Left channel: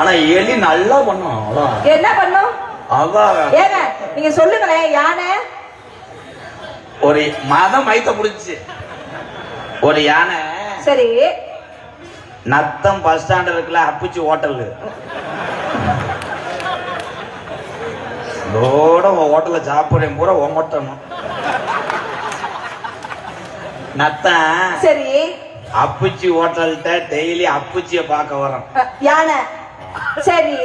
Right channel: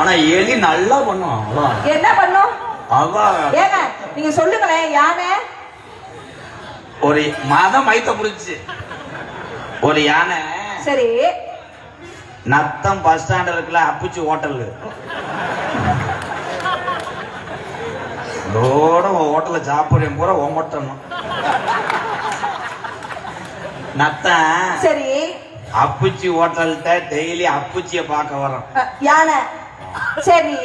ஆனா எலி நல்லா பண்ணும். என்ன பண்ணும்? ஏங்க நீங்க சொல்லுங்களேன். யானை ஒரு மதம் மைத்த முடிச்சு ஒரு யானை. சரி. நத்தம் பஸ் ஸ்டாண்ட் இருக்குல்ல, அப்புச்சி ஹோட்டல் ஹோட்டல்ல சாப்பிடுறேன் பூரா ஒமட்டணும். நத்தம் சரி. அப்புச்சி ஹோட்டல்கிட்ட டெய்லி அப்புச்சிய பார்க்க வரோம் யானை. சரி.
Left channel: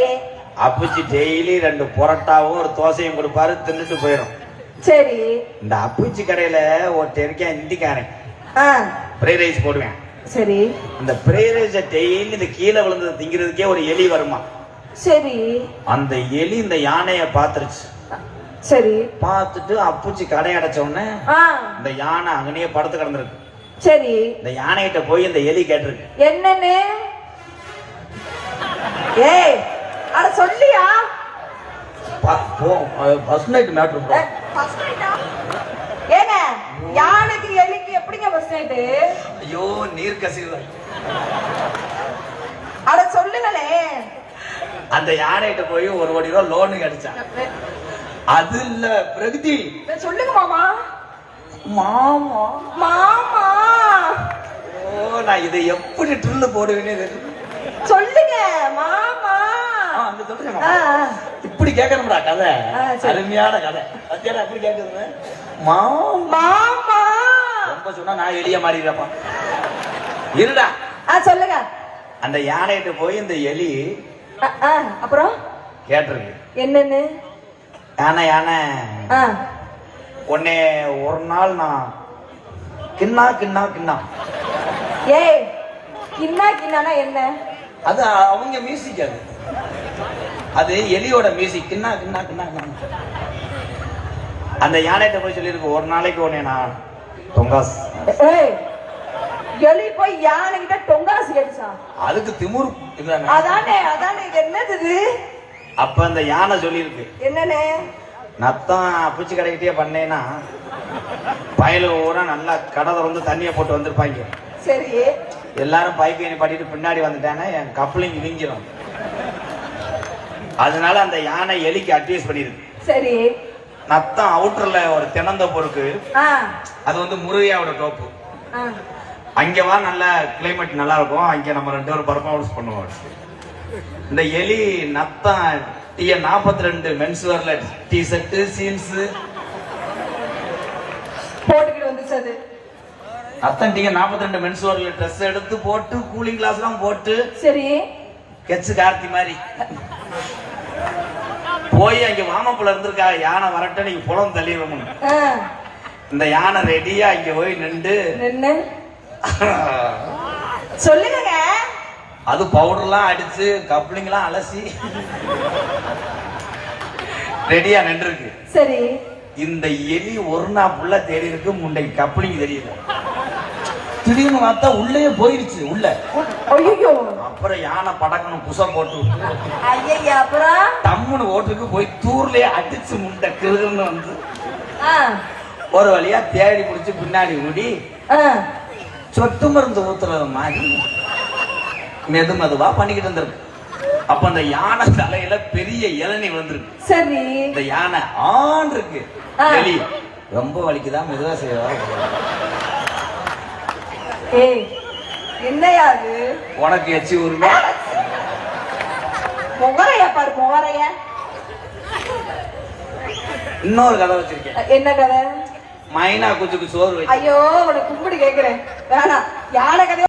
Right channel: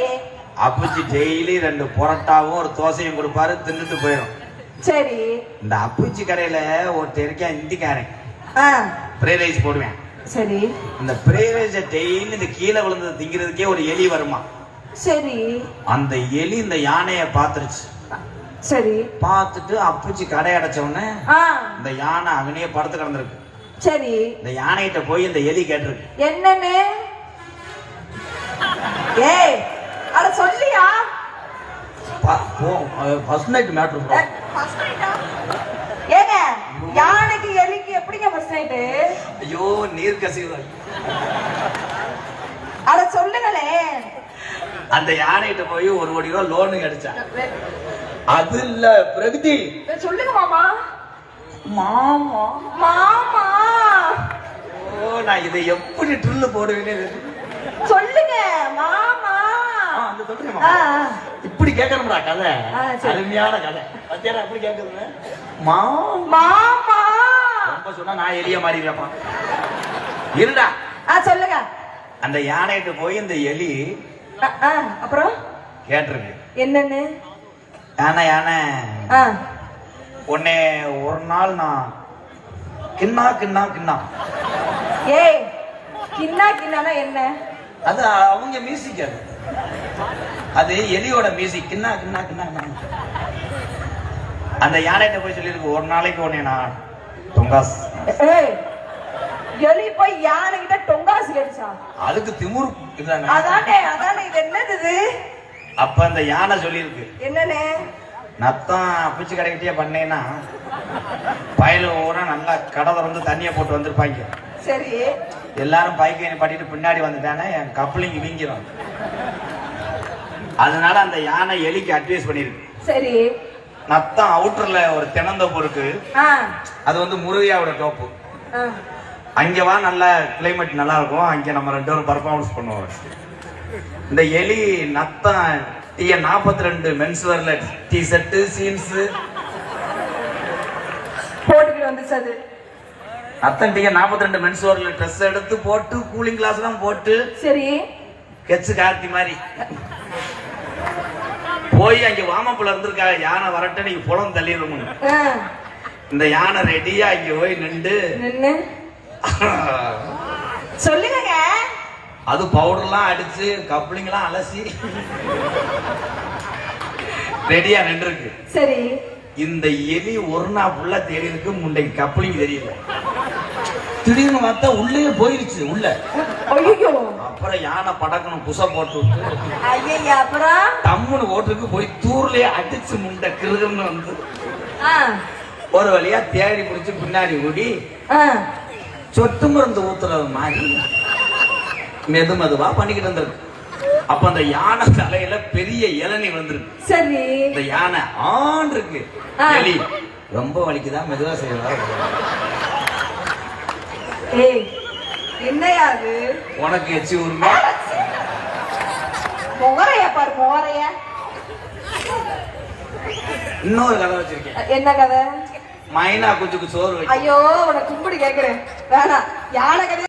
அப்புச்சி டெய்லி 2 புரோட்டாவும் ஒரு தோசையும் கொடுப்பாரு, தின்னுட்டு போயிடும். சரி. இந்த அப்புச்சி கடையில ஒருத்தர் இருக்கேன், இந்திக்காரன், ஃப்ரைட் ரைஸ் போடுவேன். சரி. இந்த ஃப்ரைட் ரைஸ் டெய்லி இந்த கீழே விழுந்தது திங்கிறதுக்கே ஒரு எலி வருமா. சரி. அந்த எலி இந்த யானைய பாத்துருச்சு. சரி. பார்த்துட்டு அப்புச்சி கடை அடைச்ச உடனே இந்த யானை அங்கனையே படுத்து கிடந்திருக்கு. சரி. இந்த யானைகிட்ட போய் இந்த எலி கேட்டிருக்கு, என்னன்னு? ஏய் அட சொல்லியா? First night matter. ஏங்க யானைக்கு எலிக்கு எப்படிங்க ஃபர்ஸ்ட் நைட்? ஐயோ நீர் கசிவு. அட சொல்லுங்களே. அந்த யானைகிட்ட போய் 1 கோடி ரூபாய் லோனு கிடைச்சான். அது இல்ல பிரகதி. சொல்லுங்க மாமா. மாமா மாமா. ஓ நான் இதை எப்படி ட்ரில் போடுவேனே. சொல்லுங்க மாமா. அந்த சொல்லுங்க. இப்படி கேட்கணும்டா கதை. அருமையான கதை. பத்தியா எப்படி கேட்குது? மாமா ரொம்ப சொன்னா நான் எலிய மாறிடுறப்பா. இருடா. சொல்லுங்க. அந்த யானைகிட்ட போய் இந்த எலி அப்புறம் கேட்டிருக்கு, என்னன்னு? யானை உன்னை ஒரு நாள் நான் கிண்ணா கிண்ணா கிண்ணா. ஏய் கிண்ணா கிண்ணானா என்ன? அது அவங்க மியூசிக். அது எலியோட மியூசிக். கிண்ணா கிண்ணா கிண்ணா. அந்த யானைகிட்ட போய் சொல்லியிருக்கு, ஒரு நாளைக்கு உன்னை நான் தொங்காஸ். எலி போய் யானை கிட்ட டொங்காசு கேட்டுச்சா? அதுக்கு திமுரு. அதானே இது என்னது? அப்ப அந்த யானை சொல்லியிருக்கு, என்னன்னு? நத்தம் அப்புச்சி கடைக்கிட்டே பண்ணேன்னா பயல ஊரா நல்லா கடை திறந்து தண்ணியை போட்டு வந்திருப்பாங்க. சரி. எல்லாரும் பைக்கை பாட்டிட்டு பின்னாடி வந்துட்டானே என் கப்ளிங் வீங்கிரும். அதனால அந்த யானை எலிக்கு அட்வைஸ் பண்ணிருக்கு. சரி. நத்தம் அவுட்டர்ல ஒரு தென்னந்தோப்பு இருக்கு, அது வந்து முருகையாவோட தோப்பு. அங்க வா, நல்ல கிளைமேட் நல்லா இருக்கும், அங்க நம்ம 2 பேரும் பர்ஃபார்மன்ஸ் பண்ணுவோம். இந்த எலி நத்தம் டிஎன் 42 மென்ஸ் வேர்ல டி ஷர்ட் சீன்ஸ் போட்டுக்கிட்டு வந்துச்சு. அது நத்தம் டிஎன் 42 மென்ஸ் வேர்ல ட்ரெஸ் எடுத்து போட்டு கூலிங் கிளாஸ் எல்லாம் போட்டு, சரி கெச்சு கார்த்தி மாதிரி போய் அங்க வாமப்புல இருந்திருக்கா. யானை வரட்ட நீங்க புலம் தள்ளிடணும். இந்த யானை ரெடியா இங்க போய் நின்று சொல்லுங்க. அது பவுடர்லாம் அடிச்சு கப்ளிங்லாம் அலசி ரெடியா நின்று இருக்கு. சரி. இந்த எலி ஒரு நாள் ஃபுல்லா தேடி இருக்கு, முண்டைக்கு கப்ளிங் தெரியல. திடீர்னு பார்த்தா உள்ளே போயிருச்சு உள்ள. ஐயோ. அப்புறம் யானை படக்கணும் புச போட்டு ஐயா. அப்புறம் தம்முன்னு ஓட்டுக்கு போய் தூர்லயே அடிச்சு முண்டை கிருகுன்னு வந்து ஒரு வழியா தேடி பிடிச்சு பின்னாடி ஓடி சொட்டு மருந்து ஊத்துறது மாதிரி மெதுவா பண்ணிக்கிட்டு இருந்திருக்கு. அப்ப அந்த யானை தலையில பெரிய இளநீ வந்திருக்கு. சரி. இந்த யானை ஆன் இருக்கு. எலி ரொம்ப வலிக்குதான், மெதுவா செய்வா. என்னையா அது? உனக்கு எச்சி ஊருங்க. மொகரையா பாரு, மொகரைய. இன்னொரு கதை வச்சிருக்கேன். என்ன கதை? மைனா குச்சுக்கு சோறு. ஐயோ உனக்கு கும்பிடு கேக்குறேன். வேணாம். யானை கதை